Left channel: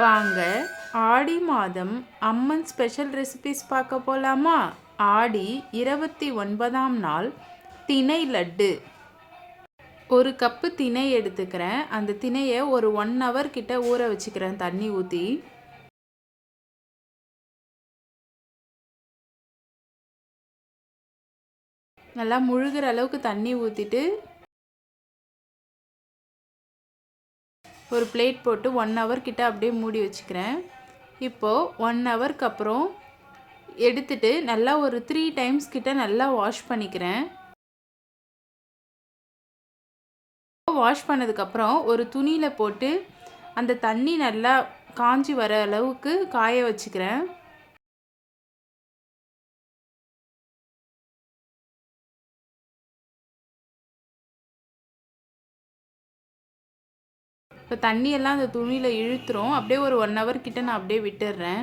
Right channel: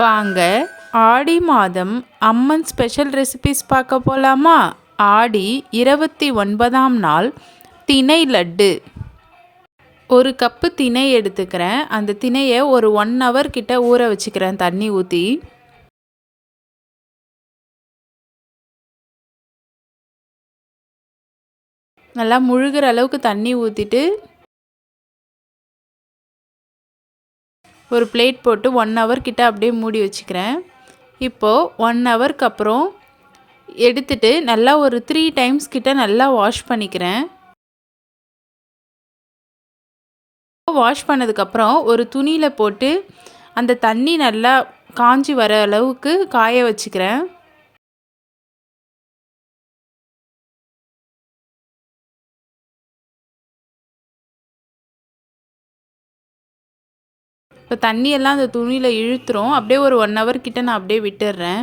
வாங்க. ஆடி மாதம் அம்மன் special recipes பார்க்க போகலாமா ஆடி இருபத்தி ஒன்பதாம் நாள் திணை லட்டு. ஒரு கப்பு திணை எடுத்துக்கிறேன். அந்த திணையை ஒரு ஒன் ஹவர் கிட்ட ஊற வச்சுக்கிறேன் தண்ணி ஊற்றி நல்லா முழுகிற அளவுக்கு தண்ணி ஊற்றிட்டு ஒரு பிளேட் போட்டு ஒன் ஹவர் கிட்ட அப்படியே மூடி வச்சுக்கிறேன். இப்போது ஒன் ஹவருக்கு அப்புறம் எடுத்துட்டு நல்லா ஒரு த்ரீ டைம்ஸ் கிட்ட நல்லா வாஷ் பண்ணிக்கிறேன். வாஷ் பண்ணதுக்கப்புறம் ஒரு துணியில் போட்டு அந்த தண்ணி நல்லா காஞ்சி வர அளவுக்கு காய வச்சுக்கிறேன். இப்போ தண்ணியெல்லாம் அந்த துணியில் இழுத்துரும். அப்படியே ஒரு ஒன் ஹவர் கிட்ட நான் அப்படியே விட்டுடுறேன்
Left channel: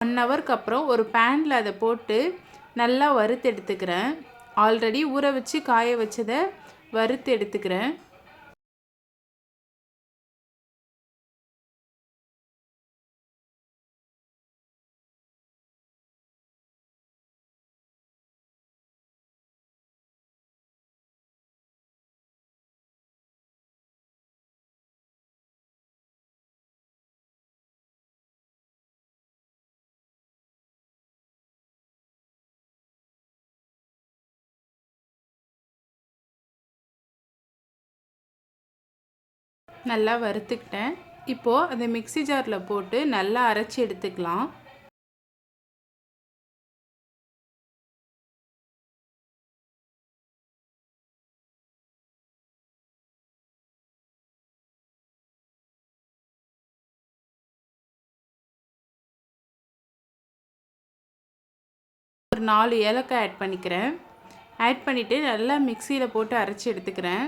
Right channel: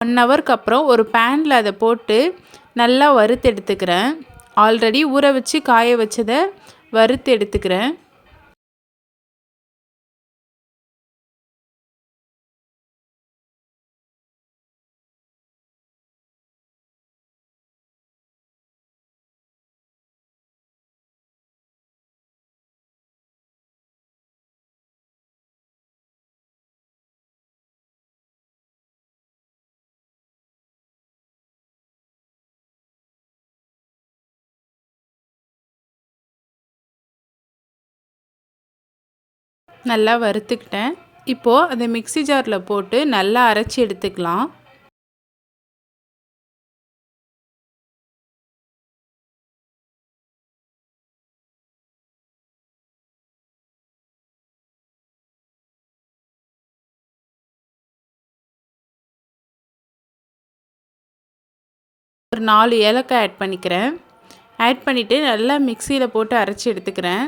ஒன் ஹவருக்கு அப்புறம் ஒரு பேனில் அதை போட்டு நல்லா வறுத்து எடுத்துக்கிறேன். ஆல்ரெடி ஊற வச்சு காய வச்சதை வறுத்து எடுத்துக்கிறேன். நல்லா வறுத்துக்கிட்டேன். இப்போது அதை மிக்சி ஜாரில் போட்டு நல்லா அரைச்சி எடுத்துக்கலாம். ஒரு நாலு ஏலக்காய் ஆட் பண்ணிக்கிறேன். ஆட் பண்ணிவிட்டு நல்லா மிக்சியில் போட்டு அரைச்சி எடுத்துக்கிறேன்.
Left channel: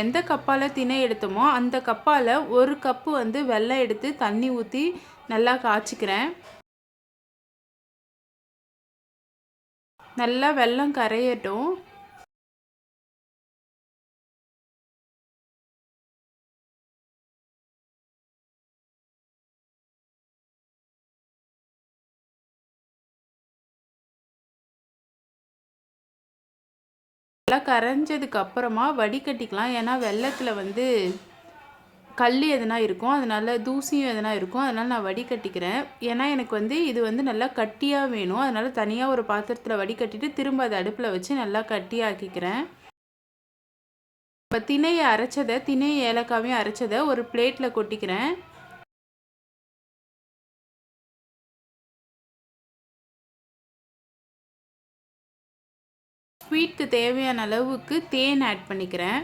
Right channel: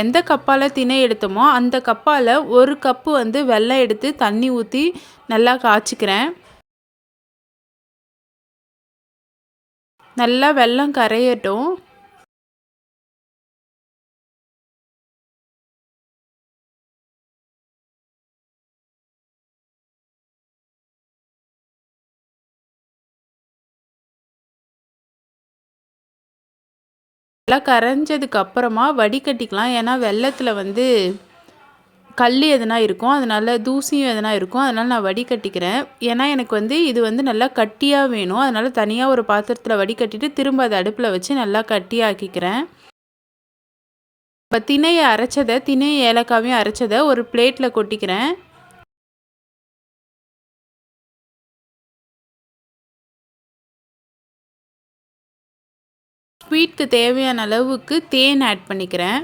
எந்த கப்பால் திணை எடுத்தோமோ அந்த கப்பால் ஒரு கப்பு வந்து வெள்ளம் எடுத்து தண்ணி ஊற்றி நல்லா காய்ச்சிக்கிறேன். நல்லா வெள்ளம் கரையட்டும். நல்லா கரைஞ்சதுக்கு அப்புறமா வடிகட்டிக்கலாம். ஏன்னா வெள்ளத்தில் வந்து கல் எதனா இருக்கும். அதனால் தூசியும் எதனா இருக்கும். அதனால் நான் வடிகட்டிக்கிறேன். ஏன்னா எனக்கு வந்து இது வந்து நல்லா கட்டியாக வேணும். அதனால் தனியாக ஒரு பாத்திரத்தில் வடிகட்டிட்டு திரும்ப அதை அடுப்பில் வச்சு நல்லா கட்டியாக்கிக்கிறேன். இப்போ திணையை அரைச்சதை திணை ஏலக்காவையும் அரைச்சதை ஒரு பிளேட்டில் கொட்டிக்கிறேன். ஸ்வீட்க்கு தேவையான அளவுக்கு தேன் ஆட் பண்ணிக்கிறேன்.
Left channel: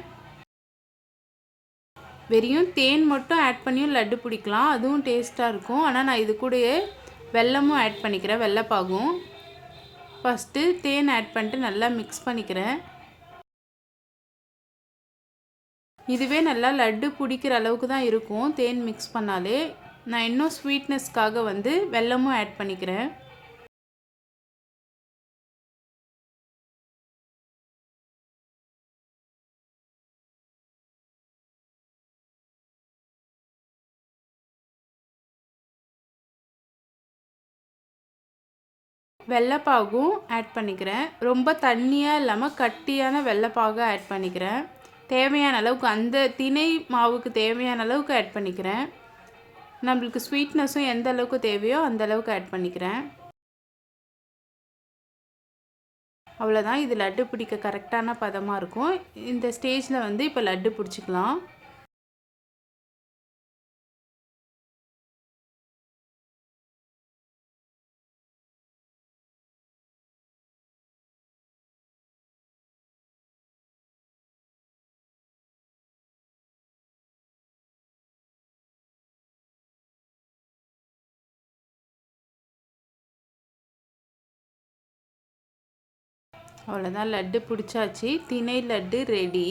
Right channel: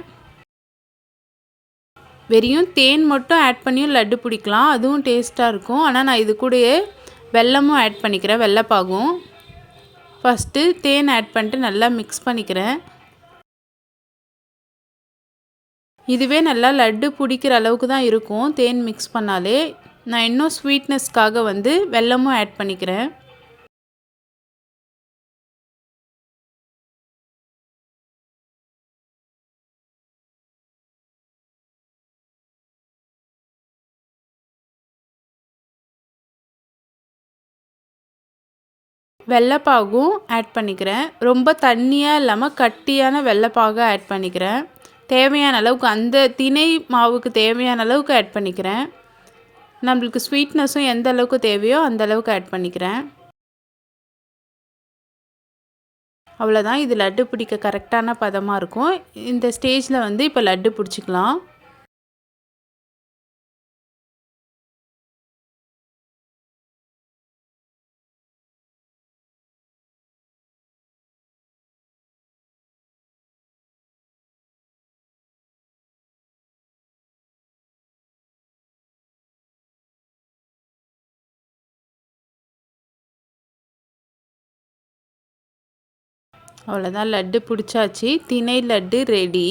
வெறியும் தேன் மட்டும் ஆட் பண்ணியும் லட்டு பிடிக்கலாம். அதுவும் டேஸ்ட்டாக இருக்கும். ஆனால் நான் இது கூடயே வெல்லமும் ஆட் பண்ணிக்கிறேன் வெள்ளப்பாகும். ஃபஸ்ட்டு தேன் ஆட் பண்ணிட்டு நல்லா மிக்ஸ் பண்ணிக்கிறேன். இதுவே நல்லா லட்டு பிடிக்கிற அளவுக்கு தான் இருக்கும். தேன் மிக்ஸ் பண்ணாலே. நான் இன்னும் ஸ்வீட்னஸ்க்காக வந்து வெல்லமும் ஆட் பண்ணிக்கிறேன். வெள்ளைப்பாகும் ஆட் பண்ணிக்கிறேன். ரொம்ப தண்ணியாக இல்லாமல் கட்டியான வெள்ளைப்பாக ஆட் பண்ணிக்கிறேன். தேவையான அளவுக்கு அந்த திணை மாவுக்கு தேவையான அளவுக்கு ஆட் பண்ணிக்கிறேன். நம்மளுக்கு ஸ்வீட்னஸும் எந்த அளவுக்கு தேவையோ அந்த அளவுக்கு ஆட் பண்ணிக்கிறேன். அவ்வளோதான் இது லட்டு பிடிக்க கரெக்டான பதமாக இருக்கும். இந்த ஸ்டேஜில் வந்து இப்போ லட்டு பிடிச்சிக்கலாம். அவ்வளோதான் லட்டு பிடிச்சாச்சு. திணை லட்டு ரெடி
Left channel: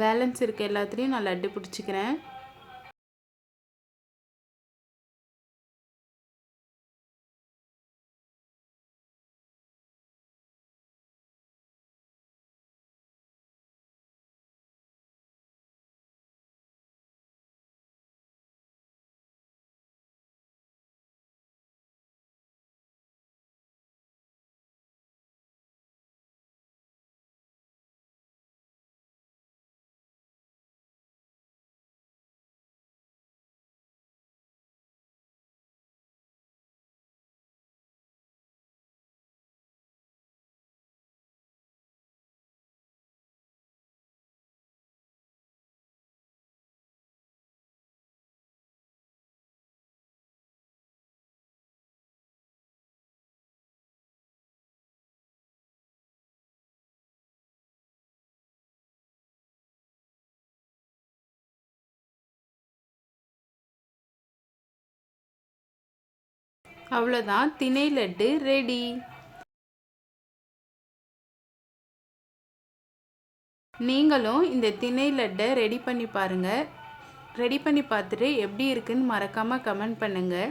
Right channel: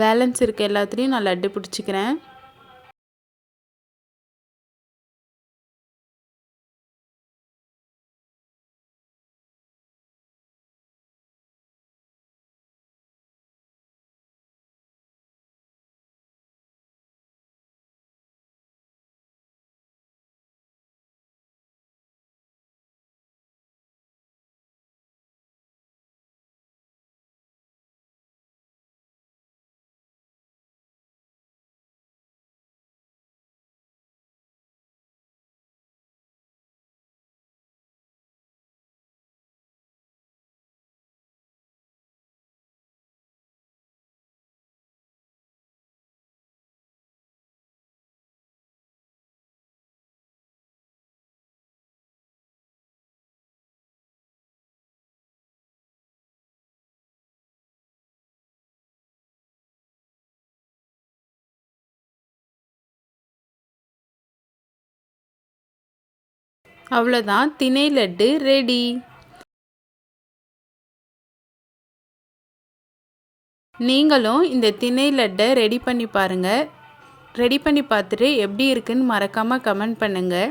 பேலன்ஸ் இருக்க எல்லாத்துலேயும் நான் லட்டு பிடிச்சிக்கிறேன். அவ்வளோதான் திணை லட்டு ரெடி. நீங்களும் இந்த திணை லட்டை ரெடி பண்ணி பாருங்கள் ரெடி பண்ணி பார்த்துட்டு எப்படி இருக்குன்னு மறக்காமல் கமெண்ட் பண்ணுங்கள்